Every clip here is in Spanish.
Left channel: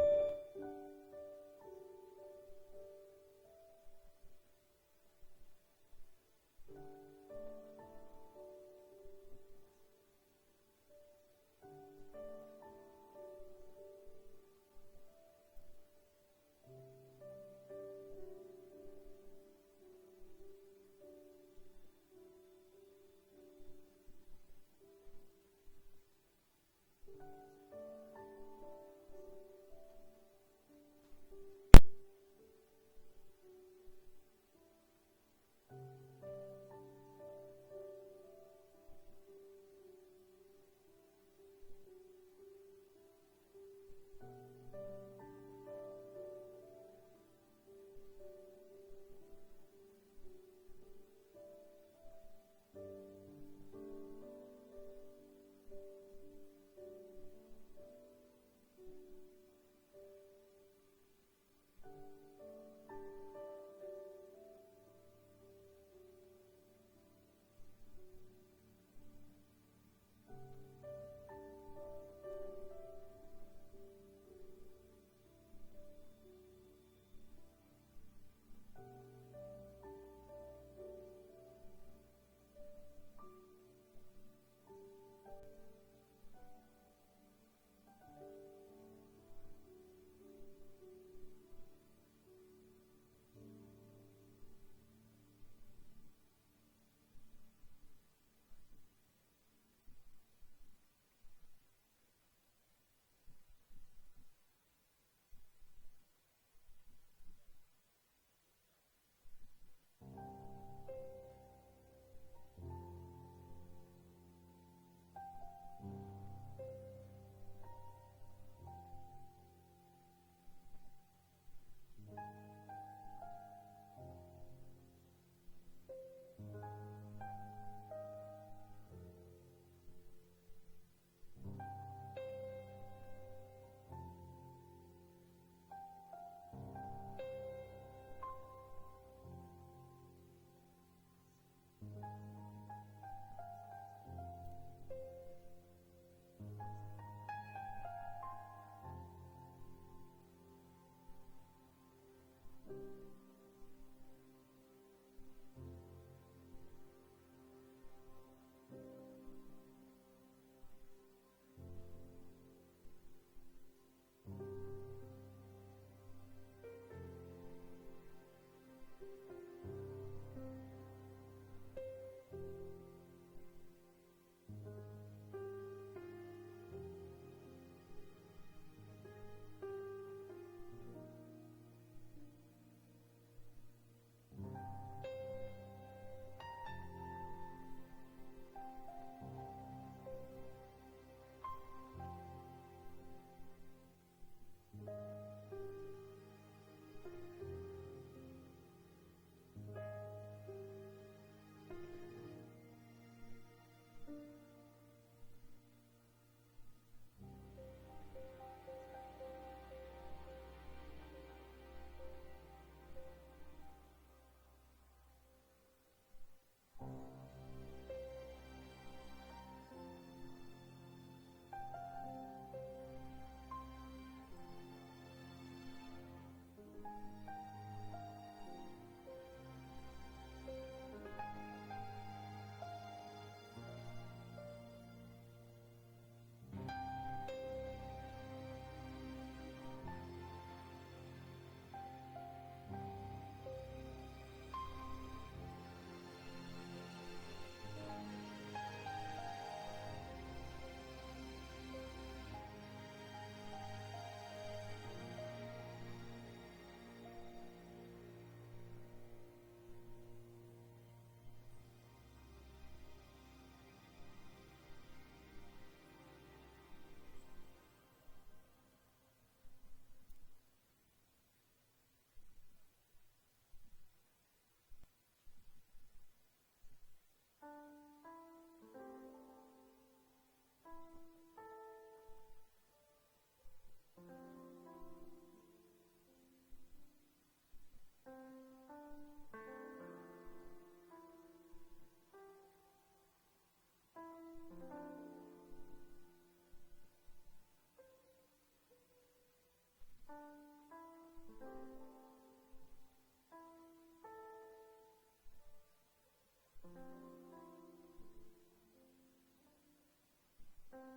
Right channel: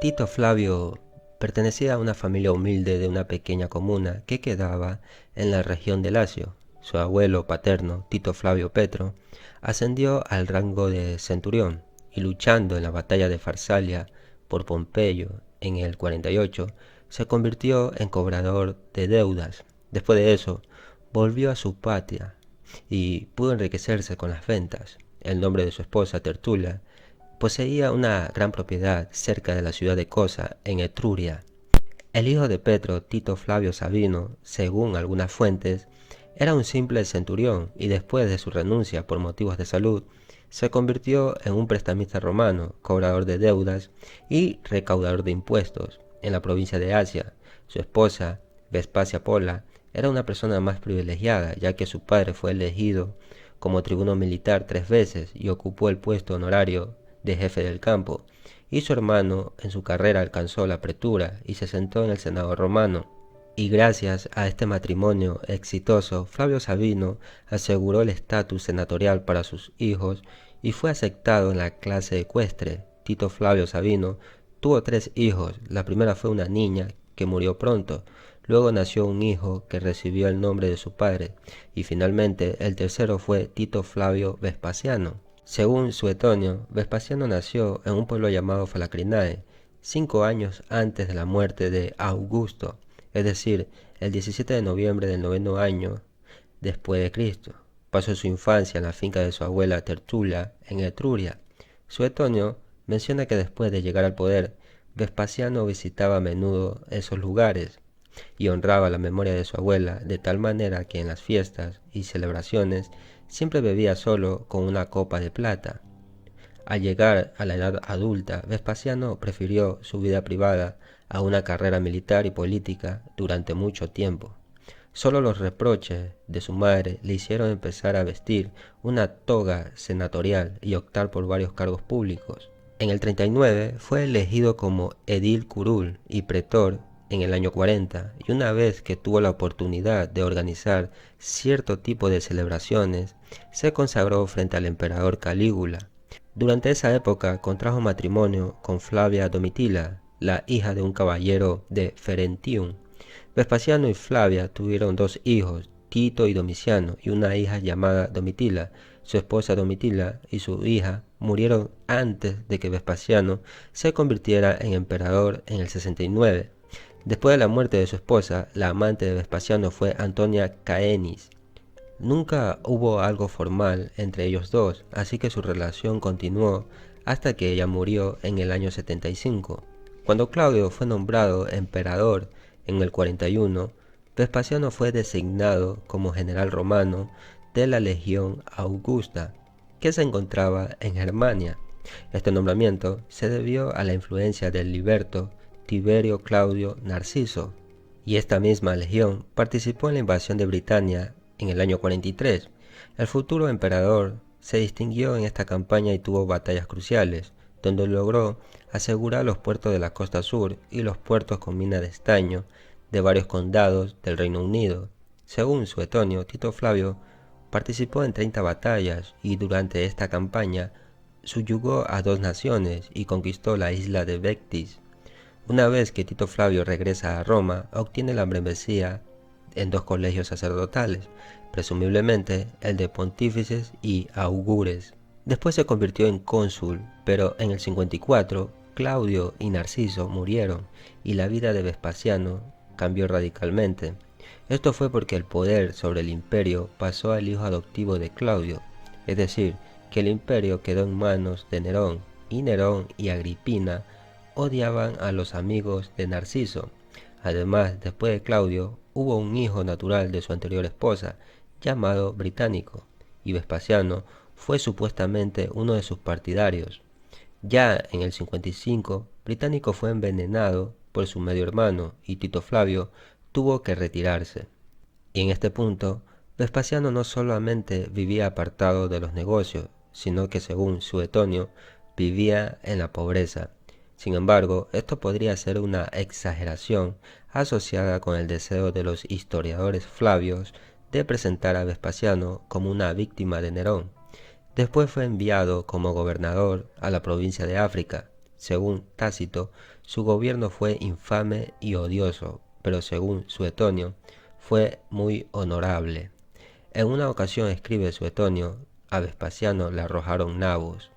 Tito Flavio pertenecía a una familia humilde de una pequeña comuna que quedaba en la región de Lacio. Su abuelo paterno, Tito Flavio Petro, ascendió al rango de centurión y luchando en la batalla de Farsalia por Pompeyo en el 48, se convirtió en cobrador de deudas. Después de eso, volvió a su patria y pudo enriquecerse con las ventas. El nombre de su esposa, Tertulia, poseía una gran propiedad cerca de la ciudad de Cosa, en Etruria. El hijo de Petro, Tito Flavio Sabino, según algunas fuentes, era un simple centurión y después de su renuncia por motivos de salud, se convirtió en un prestamista romano, cobrador de deudas y recaudador de impuestos en la provincia de Asia. Su esposa, Vespasia Pola, era una persona más privilegiada, ya que su padre fue elegido como tribuno militar 3 veces y ocupó el puesto honorario de jefe del campo, y su hermano en su carrera alcanzó la pretura y se sentó en el Senado romano. Y gracias a este matrimonio exitoso, Flavio Sabino aseguró el estatus senatorial para sus hijos y fue aceptado en la clase ecuestre. Tito Flavio Sabino tuvo 3 hijos. La primera fue una niña que murió pronto. Luego nació un hijo que recibió el nombre de su padre. Y finalmente el tercero fue Tito Flavio Vespasiano. Según Suetonio, Vespasiano nació en un pueblo llamado Falacrinae, 5 años antes de la muerte de Augusto, es decir, el 17 de noviembre del noveno año después de Cristo. Pasó su infancia en la finca de su abuela Tertulia, en Etruria. Suetonio menciona que después de llegar al poder, Vespasiano visitaba a menudo esos lugares y honraba la memoria de su abuela de tal manera que en las fiestas y celebraciones siempre bebía solo con una copa de plata. Al llegar a la edad adulta, Vespasiano prefirió su vida privada a una carrera militar y política durante mucho tiempo. Solo los reproches de su madre le hicieron empezar a vestir una toga senatorial y optar por varios cargos públicos. En el 39 fue elegido como edil curul y pretor en el año 40, y una vez que tuvo la oportunidad de organizar cierto tipo de celebraciones, se consagró frente al emperador Calígula. Durante esa época contrajo matrimonio con Flavia Domitila, la hija de un caballero de Ferentium. Vespasiano y Flavia tuvieron 2 hijos, Tito y Domiciano, y una hija llamada Domitila. Su esposa Domitila y su hija murieron antes de que Vespasiano se convirtiera en emperador en el 69. Después de la muerte de su esposa, la amante de Vespasiano fue Antonia Caenis. Nunca hubo algo formal entre ellos dos, así que su relación continuó hasta que ella murió en el año 75. Cuando Claudio fue nombrado emperador en el 41, Vespasiano fue designado como general romano de la Legión Augusta, que se encontraba en Germania. Este nombramiento se debió a la influencia del liberto Tiberio Claudio Narciso, y esta misma legión participó en la invasión de Britania en el año 43. El futuro emperador se distinguió en esta campaña y tuvo batallas cruciales, donde logró asegurar los puertos de la costa sur y los puertos con mina de estaño de varios condados del Reino Unido. Según Suetonio, Tito Flavio participó en 30 batallas y durante esta campaña subyugó a 2 naciones y conquistó la isla de Vectis. Una vez que Tito Flavio regresa a Roma, obtiene la membresía en 2 colegios sacerdotales, presumiblemente el de pontífices y augures. Después se convirtió en cónsul, pero en el 54 Claudio y Narciso murieron y la vida de Vespasiano cambió radicalmente. Esto fue porque el poder sobre el imperio pasó al hijo adoptivo de Claudio, es decir, que el imperio quedó en manos de Nerón, y Nerón y Agripina odiaban a los amigos de Narciso. Además, después de Claudio, hubo un hijo natural de su anterior esposa, llamado Británico, y Vespasiano fue supuestamente uno de sus partidarios. Ya en el 55, Británico fue envenenado por su medio hermano y Tito Flavio tuvo que retirarse. Y en este punto, Vespasiano no solamente vivía apartado de los negocios, sino que según Suetonio, vivía en la pobreza. Sin embargo, esto podría ser una exageración asociada con el deseo de los historiadores flavios de presentar a Vespasiano como una víctima de Nerón. Después fue enviado como gobernador a la provincia de África. Según Tácito, su gobierno fue infame y odioso, pero según Suetonio, fue muy honorable. En una ocasión, escribe Suetonio, a Vespasiano le arrojaron nabos.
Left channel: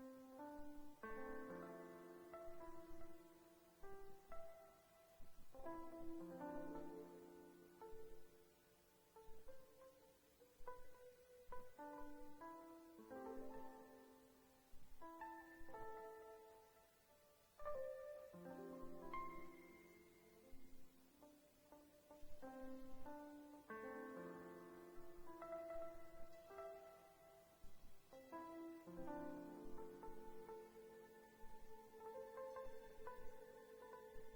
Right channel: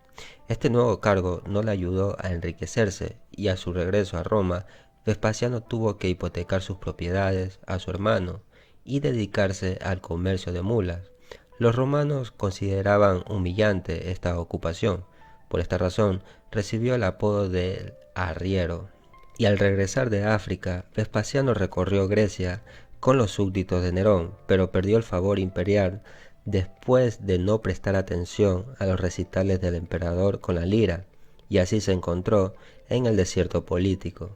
Este nuevo cargo no le ayudó a enriquecerse y a su regreso a Roma, Vespasiano tuvo que hipotecar sus propiedades a su hermano y dedicarse al comercio de mulas. Los romanos consideraban humillante esta ocupación. Por esta razón, recibió el apodo de arriero. Y al regresar de África, Vespasiano recorrió Grecia con los súbditos de Nerón, pero perdió el favor imperial después de no prestar atención a los recitales del emperador con la lira, y así se encontró en el desierto político.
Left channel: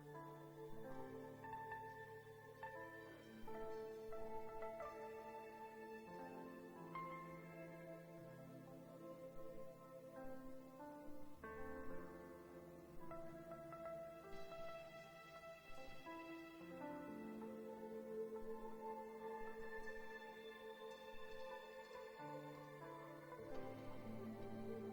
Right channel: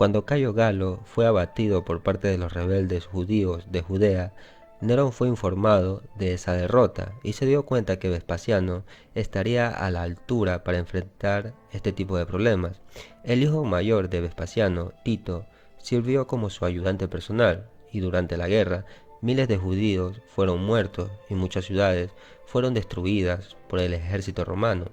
Cuando Cayo Galo fue abatido por parte de los rebeldes judíos de Judea, Nerón fue informado de esa derrota y se dio cuenta que Vespasiano estaría a la altura para enfrentar este tipo de problemas. El hijo mayor de Vespasiano, Tito, sirvió como su ayudante personal y durante la guerra miles de judíos fueron muertos y muchas ciudades fueron destruidas por el ejército romano.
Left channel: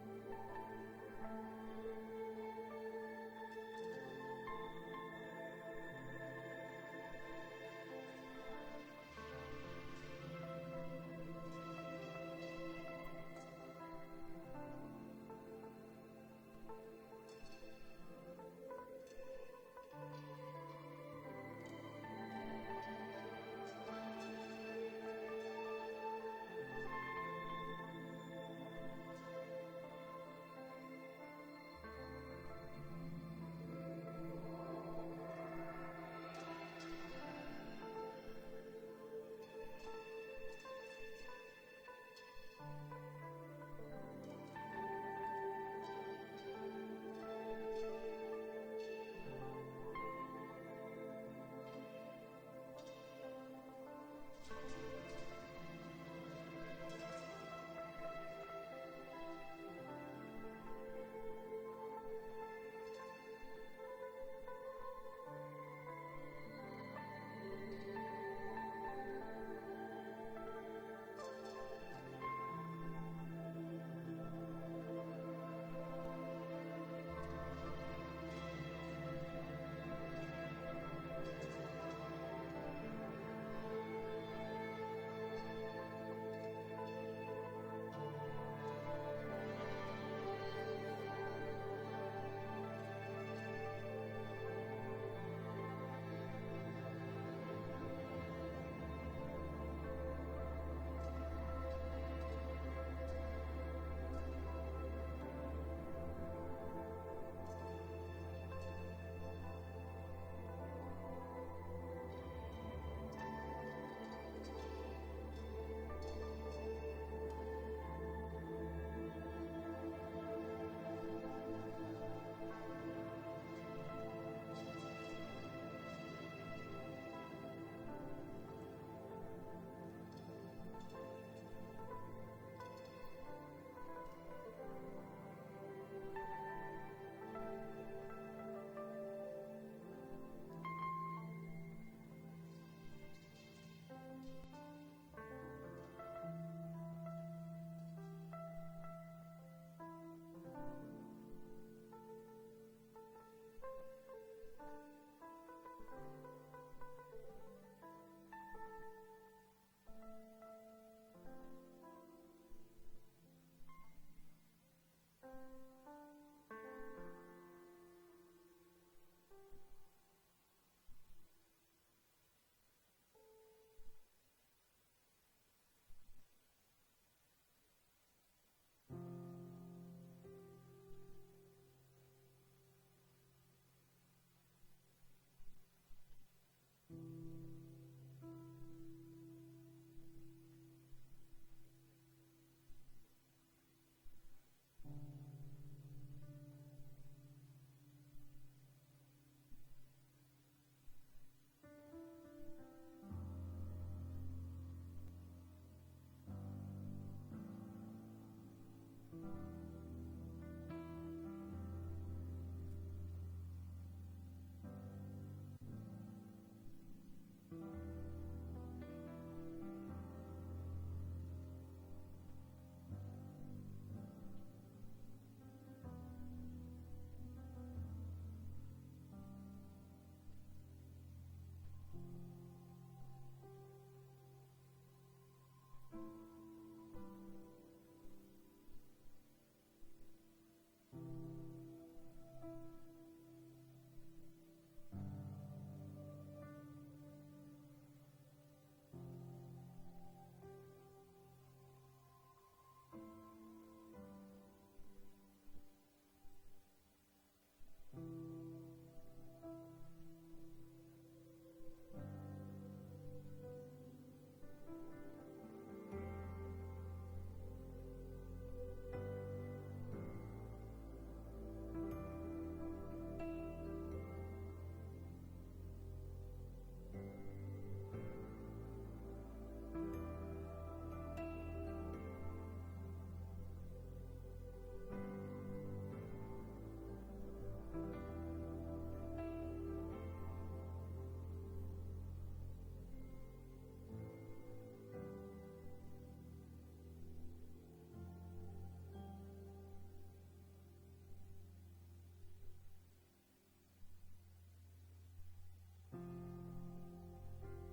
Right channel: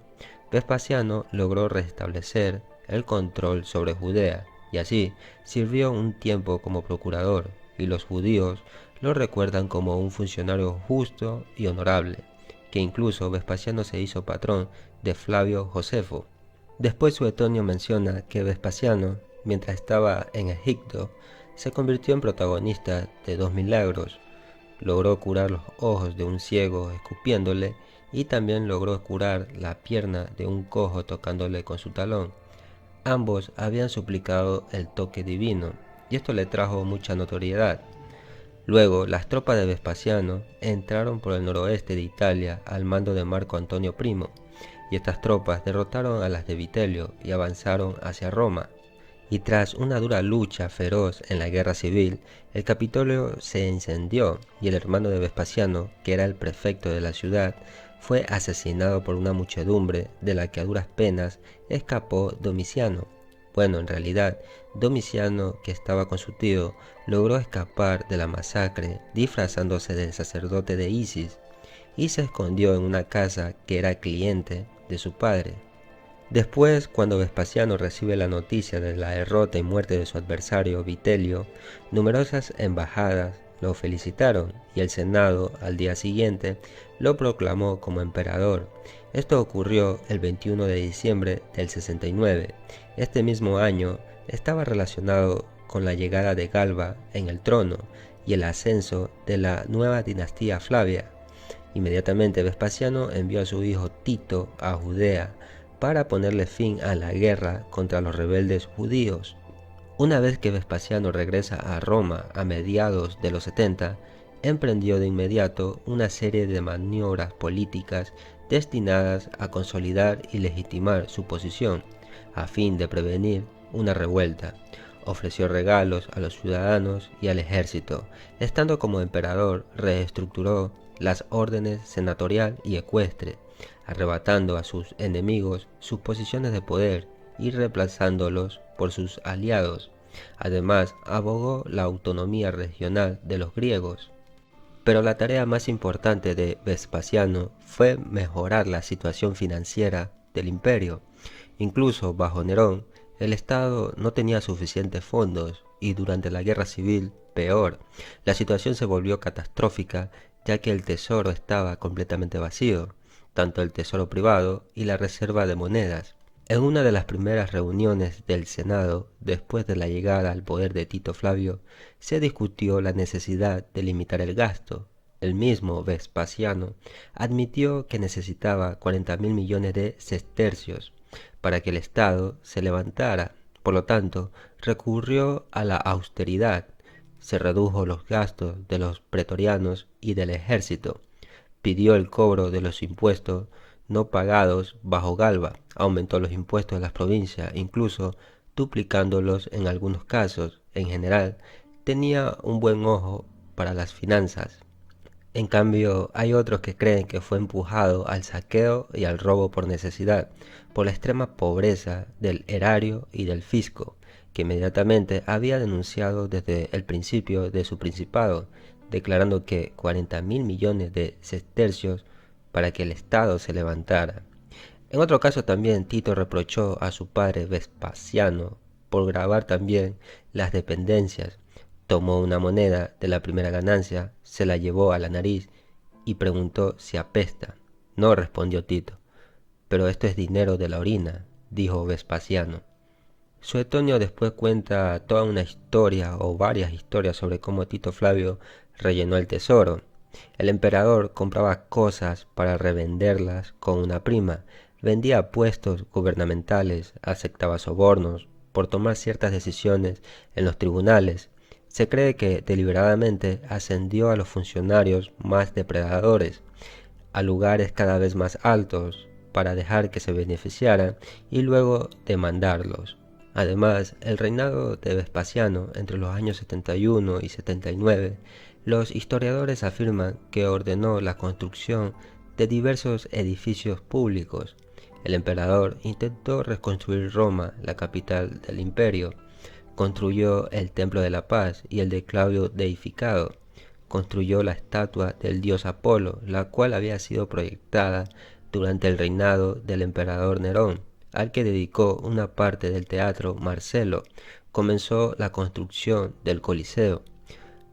Vespasiano logró restablecer el control sobre Judea y así sirvió un tiempo como procurador, y los judíos lo recuerdan como un funcionario justo y honorable, que incluso Vespasiano se hizo patrón de Flavio Josefo. Después Suetonio menciona que Vespasiano, mientras estaba en Egipto, se convirtió en protagonista de 2 milagros. Logró curar los ojos de un ciego escupiéndole y también logró curar la pierna de un cojo tocándole con su talón. Ambos habían suplicado el toque divino, y esto le trajo mucha notoriedad. Luego, las tropas de Vespasiano entraron por el noroeste de Italia al mando de Marco Antonio Primo, y estas tropas derrotaron a las de Vitelio y avanzaron hacia Roma. Y tras una dura lucha feroz en la guerra civil, el Capitolio se incendió y el hermano de Vespasiano, que era el prefecto de la ciudad, fue asesinado por una muchedumbre de la que a duras penas escapó Domiciano. Bueno, en realidad, Domiciano, que estaba con su tío, logró escapar de la masacre disfrazándose del sacerdote de Isis y se escondió en una casa que era cliente de su padre. Después, cuando Vespasiano recibe la noticia de la derrota y muerte de su adversario Vitelio, numerosas embajadas lo felicitaron y el Senado, al día siguiente, lo proclamó como emperador. Esto ocurrió el 21 de diciembre del 69. Este mismo año estaba relacionado con la llegada de Galba en el trono y el ascenso de la nueva dinastía Flavia. Inmediatamente Vespasiano envió a su hijo Tito a Judea para ponerle fin a la guerra contra los rebeldes judíos. Una vez que Vespasiano regresa a Roma a mediados de los 70, emprendió de inmediato una serie de maniobras políticas destinadas a consolidar y legitimar su posición, a fin de prevenir una revuelta. Ofreció regalos a los ciudadanos y al ejército. Estando como emperador, reestructuró las órdenes senatorial y ecuestre, arrebatando a sus enemigos sus posiciones de poder y reemplazándolos por sus aliados. Además, abogó la autonomía regional de los griegos. Pero la tarea más importante de Vespasiano fue mejorar la situación financiera del imperio. Incluso bajo Nerón, el Estado no tenía suficientes fondos y durante la guerra civil, peor, la situación se volvió catastrófica ya que el tesoro estaba completamente vacío, tanto el tesoro privado y la reserva de monedas. En una de las primeras reuniones del Senado, después de la llegada al poder de Tito Flavio, se discutió la necesidad de limitar el gasto. El mismo Vespasiano admitió que necesitaba 40.000 millones de sestercios para que el Estado se levantara. Por lo tanto, recurrió a la austeridad. Se redujo los gastos de los pretorianos y del ejército. Pidió el cobro de los impuestos no pagados bajo Galba, aumentó los impuestos de las provincias, incluso duplicándolos en algunos casos. En general, tenía un buen ojo para las finanzas. En cambio, hay otros que creen que fue empujado al saqueo y al robo por necesidad, por la extrema pobreza del erario y del fisco, que inmediatamente había denunciado desde el principio de su principado, declarando que 40.000 millones de sestercios para que el Estado se levantara. En otro caso también Tito reprochó a su padre Vespasiano por grabar también las dependencias. Tomó una moneda de la primera ganancia, se la llevó a la nariz y preguntó si apesta. No, respondió Tito. Pero esto es dinero de la orina, dijo Vespasiano. Suetonio después cuenta toda una historia o varias historias sobre cómo Tito Flavio rellenó el tesoro. El emperador compraba cosas para revenderlas con una prima, vendía puestos gubernamentales, aceptaba sobornos por tomar ciertas decisiones en los tribunales. Se cree que deliberadamente ascendió a los funcionarios más depredadores, a lugares cada vez más altos, para dejar que se beneficiaran y luego demandarlos. Además, el reinado de Vespasiano entre los años 71 y 79, los historiadores afirman que ordenó la construcción de diversos edificios públicos. El emperador intentó reconstruir Roma, la capital del imperio. Construyó el Templo de la Paz y el de Claudio deificado. Construyó la estatua del dios Apolo, la cual había sido proyectada durante el reinado del emperador Nerón, al que dedicó una parte del teatro Marcelo. Comenzó la construcción del Coliseo.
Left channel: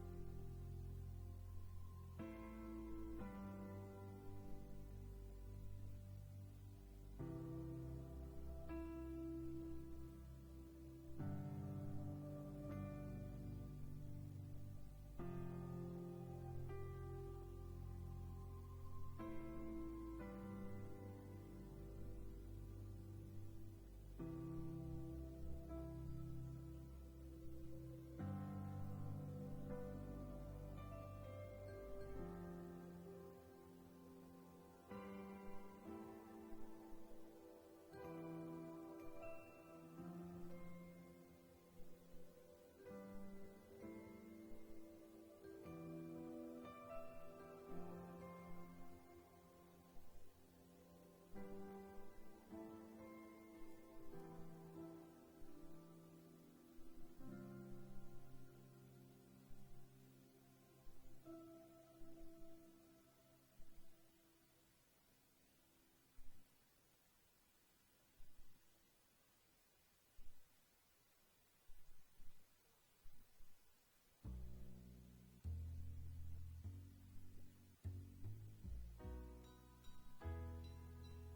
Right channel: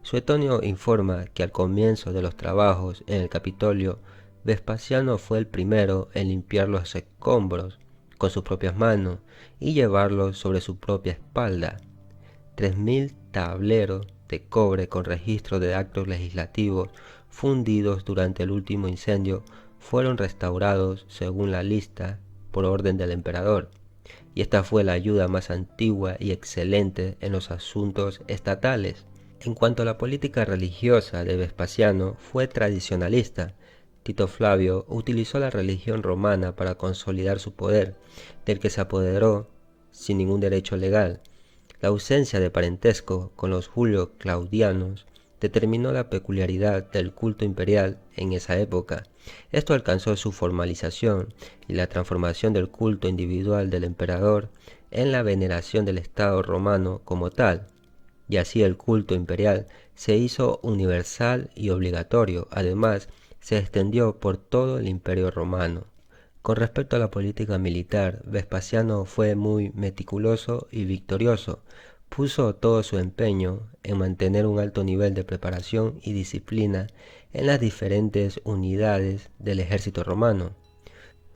Suetonio informa que al comienzo de los trabajos en el Capitolio, Vespasiano fue el primero en limpiar los escombros con sus propias manos y llevarlos sobre su propia espalda. 3.000 tableros de cobre con registro de actos legislativos fundidos durante el último incendio fueron restaurados según la lista por orden del emperador, y esta fue la ayuda más antigua y excelente en los asuntos estatales. En cuanto a la política religiosa de Vespasiano, fue tradicionalista. Tito Flavio utilizó la religión romana para consolidar su poder, del que se apoderó sin ningún derecho legal. La ausencia de parentesco con los julio-claudianos determinó la peculiaridad del culto imperial en esa época. Esto alcanzó su formalización y la transformación del culto individual del emperador en la veneración del Estado romano como tal, y así el culto imperial se hizo universal y obligatorio. Además, se extendió por todo el imperio romano. Con respecto a la política militar, Vespasiano fue muy meticuloso y victorioso. Puso todo su empeño en mantener un alto nivel de preparación y disciplina en las diferentes unidades del ejército romano.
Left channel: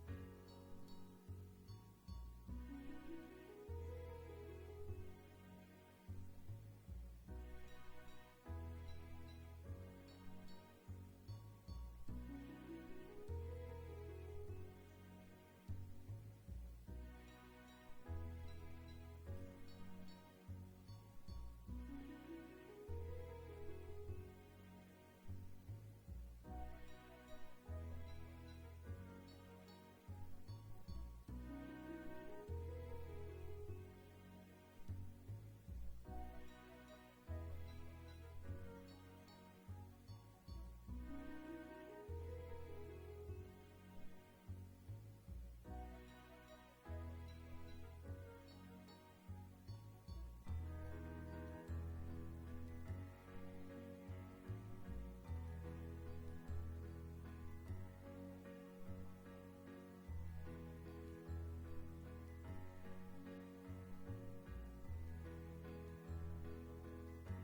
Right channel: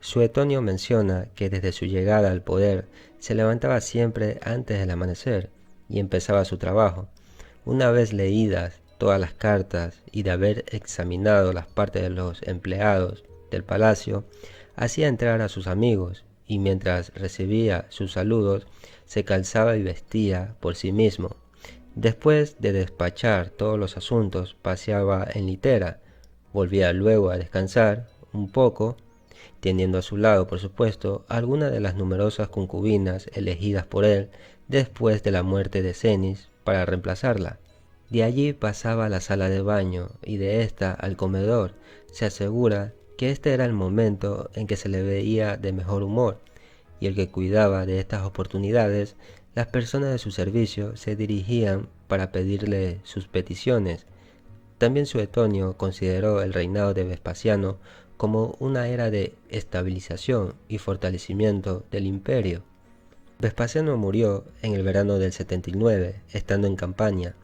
Suetonio menciona que desde su llegada al poder se levantaba siempre antes del amanecer y empezaba su trabajo. Una vez leídas todas las cartas y de haber examinado las partes de los empleados del palacio, hacía entrar a sus amigos y mientras recibía sus saludos se calzaba y vestía por sí mismo. Después de despachar todos los asuntos, paseaba en litera, volvía luego a descansar un poco, teniendo a su lado, por supuesto, algunas de las numerosas concubinas elegidas por él después de la muerte de Cenis para reemplazarla. De allí pasaba a la sala de baño y de ésta al comedor. Se asegura que este era el momento en que se le veía de mejor humor, y el que cuidaba de estas oportunidades, las personas de su servicio se dirigían para pedirle sus peticiones. También Suetonio consideró el reinado de Vespasiano como una era de estabilización y fortalecimiento del imperio. Vespasiano murió en el verano del 79, estando en campaña.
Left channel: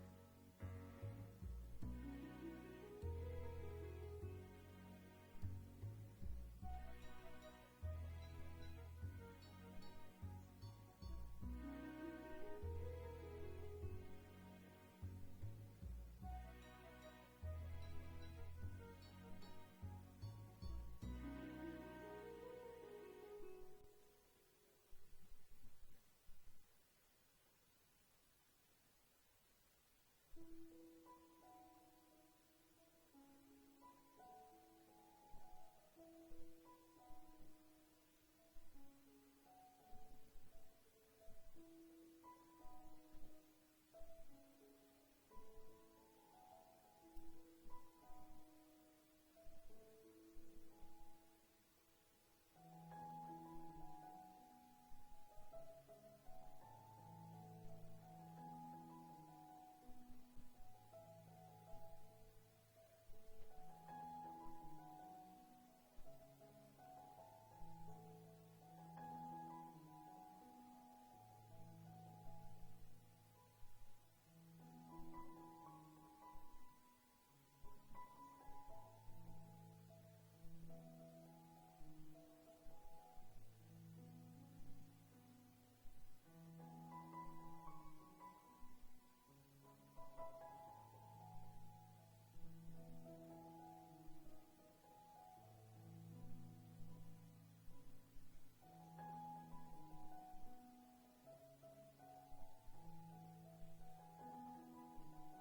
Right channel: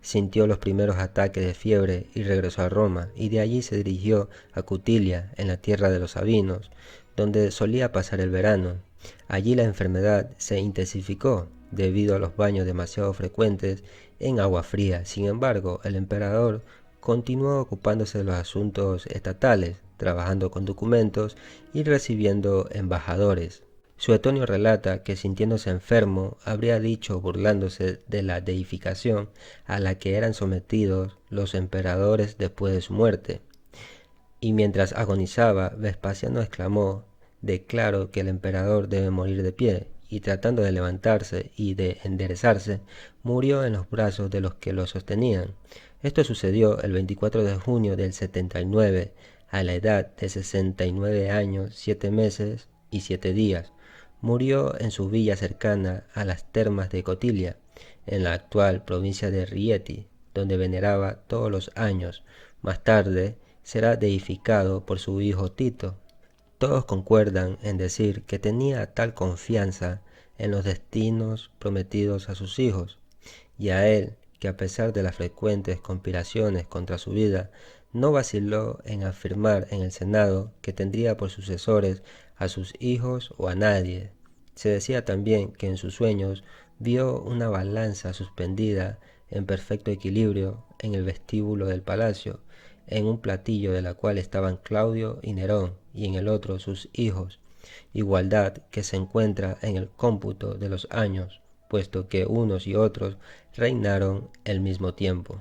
Sintió los primeros ataques de fiebre y regresó a Roma, y de allí se dirigió a Cutilia, en la tierra de los Sabinos, donde solía pasar el verano. Allí la enfermedad se intensificó debido a los baños demasiado frecuentes en agua fría. Sin embargo, el emperador continuó ocupándose de los asuntos estatales, trabajando con documentos y recibiendo embajadores. Suetonio relata que sintiéndose enfermo habría dicho, burlándose de la deificación a la que eran sometidos los emperadores después de su muerte. Y mientras agonizaba, Vespasiano exclamó: «Declaro que el emperador debe morir de pie», y tratando de levantarse y de enderezarse, murió en los brazos de los que lo sostenían. Esto sucedió el 24 de junio del 79, a la edad de 69 años, 7 meses y 7 días. Murió en su villa cercana a las termas de Cotilia, en la actual provincia de Rieti, donde veneraba todos los años. Más tarde, será deificado por su hijo Tito. Todos concuerdan en decir que tenía tal confianza en los destinos prometidos a sus hijos, y a él, que a pesar de las frecuentes conspiraciones contra su vida, no vaciló en afirmar en el Senado que tendría por sucesores a sus hijos o a nadie. Se decía también que en sus sueños vio una balanza suspendida en perfecto equilibrio en el vestíbulo del palacio, en un platillo de la cual estaban Claudio y Nerón, y en el otro sus hijos, igualdad que se encuentra en el cómputo de los años, puesto que unos y otros reinaron al mismo tiempo.